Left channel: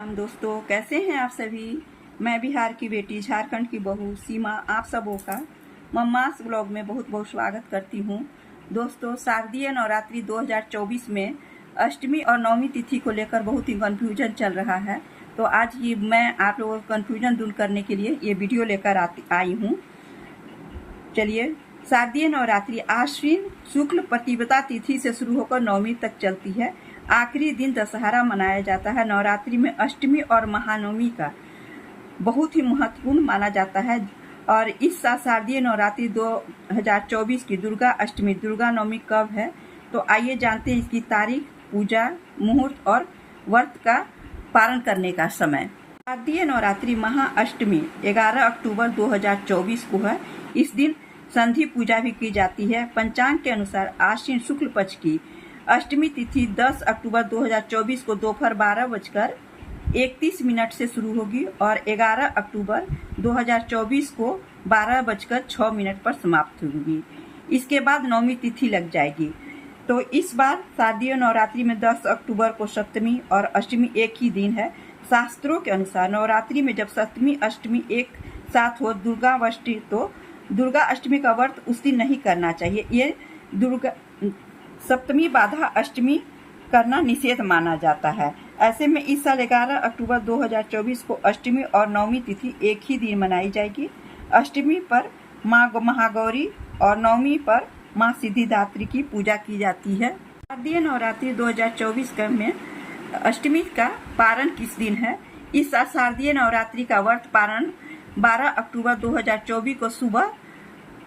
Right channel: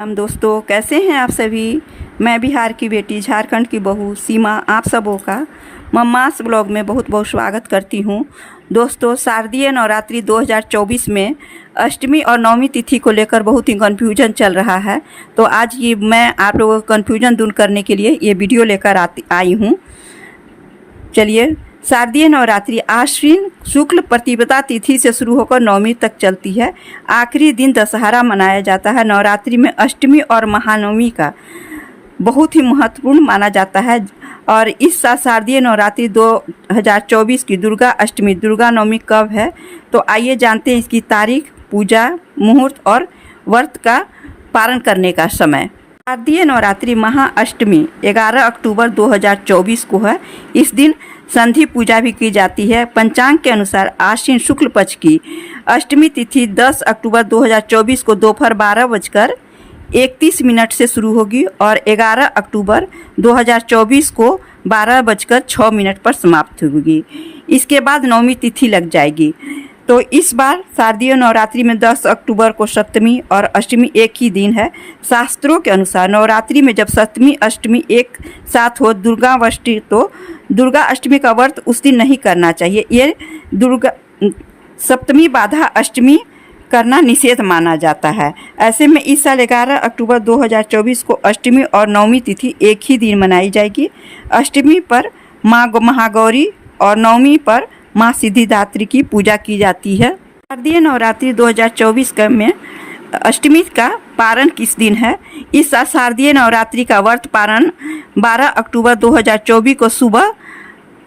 हम दोस्तों कैसे हैं आप सभी। मैं बिहार की बेटी झारखंड की बहू सीमा आप सबों का मम्मास ब्लॉग में बहुत बहुत स्वागत करती हूं। दोस्तों शारदीय नवरात्रि 2024 में अष्टमी और नवमी तिथि को लेकर बहुत ही कन्फ्यूजन चल रहा है। तो आज ये मैं आप लोगों का कन्फ्यूजन दूर करने के लिए ये वीडियो लेकर आई हूँ। चलिए, शारदीय नवरात्रि आश्विन शुक्ल प्रतिपदा तिथि से शुरू होकर नवमी तक चलती है। आखिरी दिन दशहरा मनाया जाता है। नवरात्रि में अष्टमी और महानवमी का बहुत ही महत्वपूर्ण माना जाता है। और इस साल शारदीय नवरात्रि 2024 की दुर्गा अष्टमी दुर्गा नवमी कब है, तो आइए जानते हैं इसकी तारीख, पूजा, मुहूर्त और व्रत का पारण करने का समय। शारदीय नवरात्रि महाअष्टमी 11 अक्टूबर 2024 को है। इस दिन संधि पूजा भी की जाती है। पंचांग के अनुसार आश्विन शुक्ल पक्ष की अष्टमी तिथि 10 अक्टूबर 2024 को दोपहर 12:31 से शुरू होगी और 11 अक्टूबर 2024 को 12:06 पर समाप्त होगी। इसके बाद नवमी तिथि लग जाएगी। तो इस बार शारदीय नवरात्रि में 10 अक्टूबर को सप्तमी और अष्टमी एक ही दिन है। शास्त्रों के अनुसार नवरात्रि में जब सप्तमी अष्टमी एक साथ हो दुर्गाष्टमी, तो दुर्गा अष्टमी का व्रत उस दिन नहीं करना चाहिए। ये दुर्गा सप्तमी बाधा अष्टमी करना निषेध माना जाता है। ऐसे में इस साल 11 अक्टूबर 2024 को अष्टमी और नवमी तिथि एक ही दिन मनाई जाएगी। अष्टमी पर माँ महागौरी और नवमी पर माँ सिद्धिदात्री की पूजा की जाती है। शारदीय नवरात्रि 2024 में अष्टमी का पारण किस दिन है? इस साल शारदीय नवरात्रि का व्रत पारण 12 अक्टूबर 2024 को सुबह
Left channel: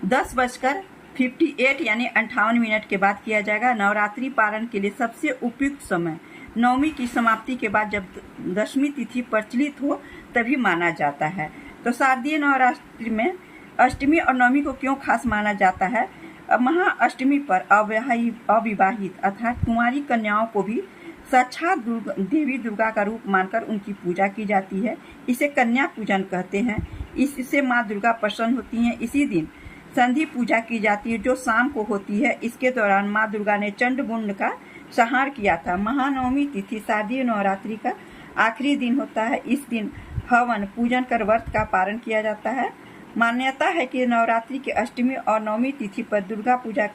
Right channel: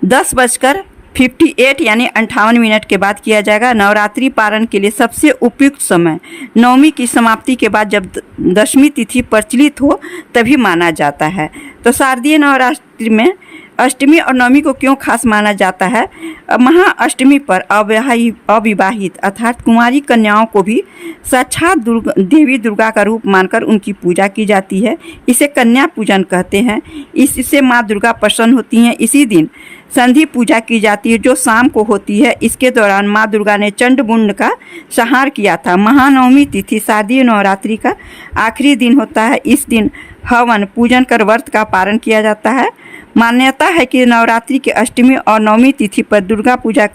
10:58 यानी 58 के बाद किया जाएगा। नवरात्रि पारण के लिए सबसे उपयुक्त समय नवमी की समाप्ति के बाद जब दशमी तिथि प्रचलित हो तभी माना जाता है। तो शारदीय नवरात्रि में अष्टमी और नवमी को क्यों खास माना जाता है? महाअष्टमी पर अविवाहित अर्थात कुंवारी कन्याओं को भी साक्षात देवी दुर्गा का रूप मानकर उनकी पूजा की जाती है। इसे कन्या पूजन कहते हैं। इससे माँ दुर्गा प्रसन्न होती हैं। इसी दिन संधि पूजा की जाती है जो शाम को होती है। इसके दौरान माँ दुर्गा ने चंडमुंड का संहार किया था। महानवमी तिथि शारदीय नवरात्रि का आखिरी दिन होता है। इस दिन हवन पूजन कर व्रत का पारण किया जाता है। मान्यता है कि नवरात्रि के अष्टमी और नवमी तिथि पर दुर्गा पूजा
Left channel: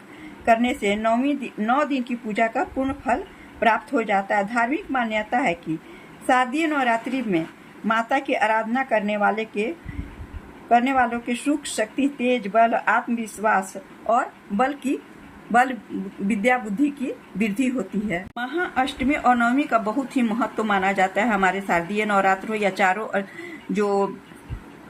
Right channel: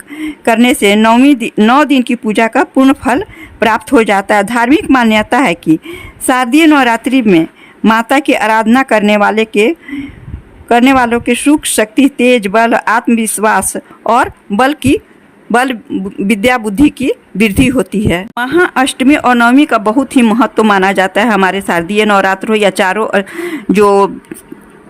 करने से 9 दिन की पूजा का पूर्ण फल प्राप्त हो जाता है। धार्मिक मान्यता है कि शारदीय नवरात्रि में माता की आराधना करने वालों के सुख, शक्ति, तेज, बल, आत्मविश्वास और बल विद्या बुद्धि की वृद्धि होती है। महाअष्टमी और नवमी का बहुत ही महत्व माना जाता है। हमारे शारदीय नवरात्र हो या चारों जो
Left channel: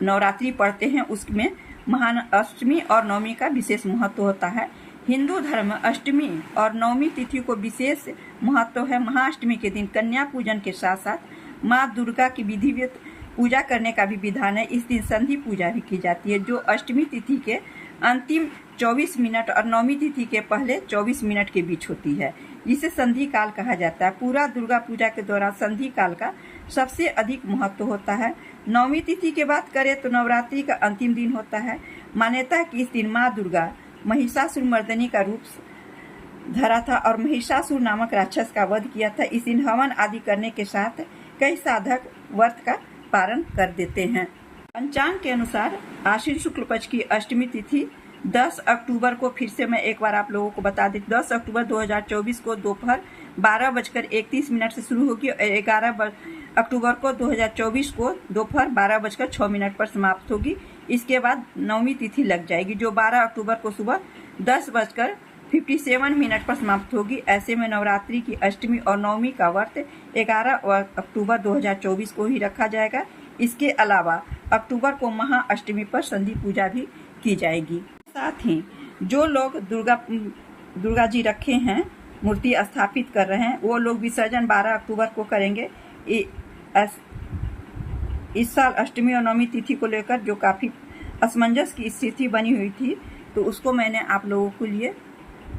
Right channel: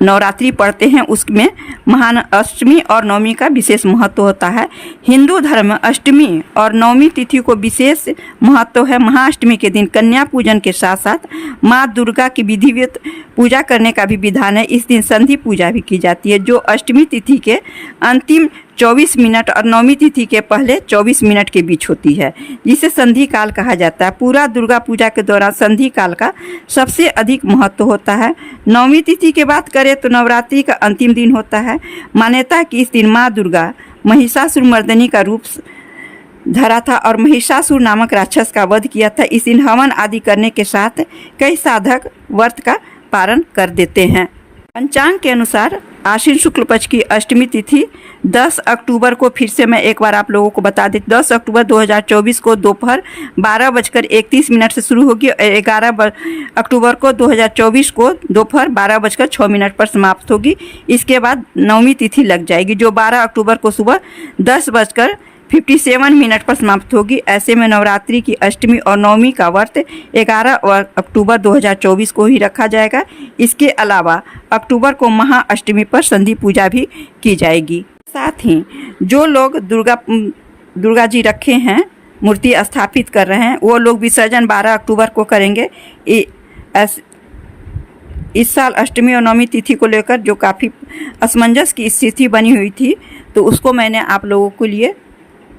नवरात्रि पढ़ते हैं उसमें महान अष्टमी और नवमी का विशेष महत्व होता है। हिंदू धर्म में अष्टमी और नवमी तिथि को विशेष महत्व है। महाअष्टमी के दिन कन्या पूजन के साथ साथ माँ दुर्गा की विधिवत पूजा करने का भी विधान है। इस दिन संधि पूजा भी की जाती है जो अष्टमी तिथि के अंतिम 24 मिनट और नवमी तिथि के पहले 24 मिनट के बीच होती है, जिसे संधि काल कहा जाता है। पूरा दुर्गा पूजा के दौरान संधि काल का सबसे अधिक महत्व होता है। नवमी तिथि की बात करें तो नवरात्रि का अंतिम दिन होता है। मान्यता है कि इस दिन माँ दुर्गा महिषासुर मर्दनी का रूप धरा था और महिषासुर नामक राक्षस का वध किया था। इस दिन हवन आदि करने के साथ कई साधक व्रत का पारण कर देते हैं। पंचांग के अनुसार आश्विन शुक्ल पक्ष की अष्टमी तिथि 10 अक्टूबर को, फिर से मैं एक बार आप लोगों को बता दें, 10 अक्टूबर 2024 को दोपहर 12:31 से शुरू होगी और 11 अक्टूबर को 2024 को दोपहर 12:06 पर समाप्त होगी। इसके बाद नवमी तिथि लग जाएगी जो 12 अक्टूबर को सुबह 10:57 पर समाप्त होगी। ऐसे में नवरात्रि की अष्टमी और नवमी का व्रत 11 अक्टूबर 2024 को ही रखा जाएगा। इसके अलावा अक्टूबर को महाअष्टमी पर संधि पूजा भी की जाएगी। साथ ही जो लोग दुर्गा जी रखे हैं, मूर्ति स्थापित कर रहे हैं, वो लोग विसर्जन 12 अक्टूबर को करेंगे। इस साल अष्टमी और नवमी तिथि को लेकर जो काफ़ी असमंजस की स्थिति बनी हुई थी, तो उसको मैंने आप लोगों के लिए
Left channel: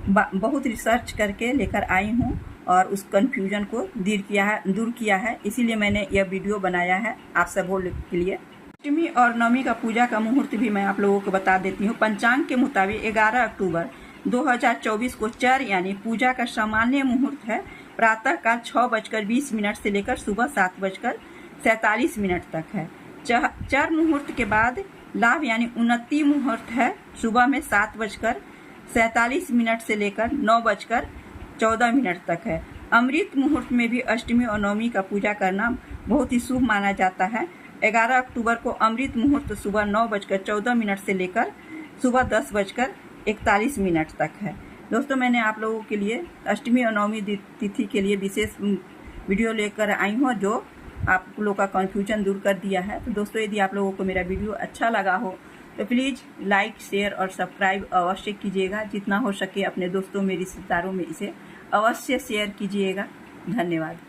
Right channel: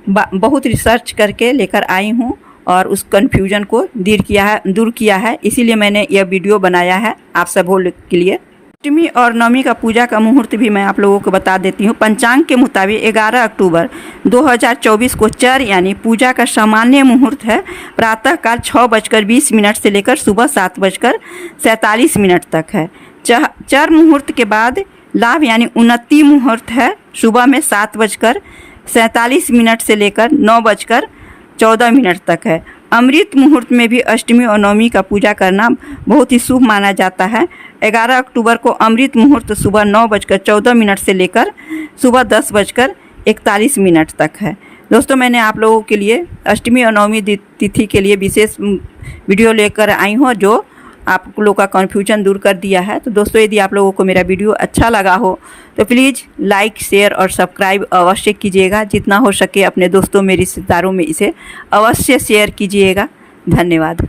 बहुत रिसर्च करके लेकर आई हूँ और उस कन्फ्यूजन को दूर किया है। इसीलिए मैंने यह वीडियो बनाया है आप सबों के लिए। अष्टमी और नवमी का पूजा का मुहूर्त भी मैं आप लोगों को बता देती हूँ। पंचांग के मुताबिक 11 अक्टूबर 2024 को चर यानी पूजा का सामान्य मुहूर्त है प्रातःकाल 6:20 से लेकर सुबह 7:47 तक है। चर मुहूर्त के बाद लाभ यानी उन्नति मुहूर्त है सुबह में 7:47 से लेकर 9:14 तक है। अमृत मुहूर्त में भी अष्टमी और नवमी का पूजा करना बहुत ही शुभ माना जाता है। 11 अक्टूबर को अमृत मुहूर्त सुबह 9:14 से लेकर सुबह 10:41 तक है। दोस्तों, मैंने आप लोगों के लिए अष्टमी और नवमी तिथि के लिए विशेष वीडियो लेकर आई हूँ जो आप लोगों का कन्फ्यूजन दूर कर दिया है। तो दोस्तों, यदि आप लोगों को मेरा वीडियो अच्छा लगा हो तो प्लीज़ लाइक, शेयर और सब्सक्राइब अवश्य कीजिएगा। जितना हो सके अपने दोस्तों में, रिश्तेदारों में इसे अवश्य शेयर कीजिएगा। धन्यवाद।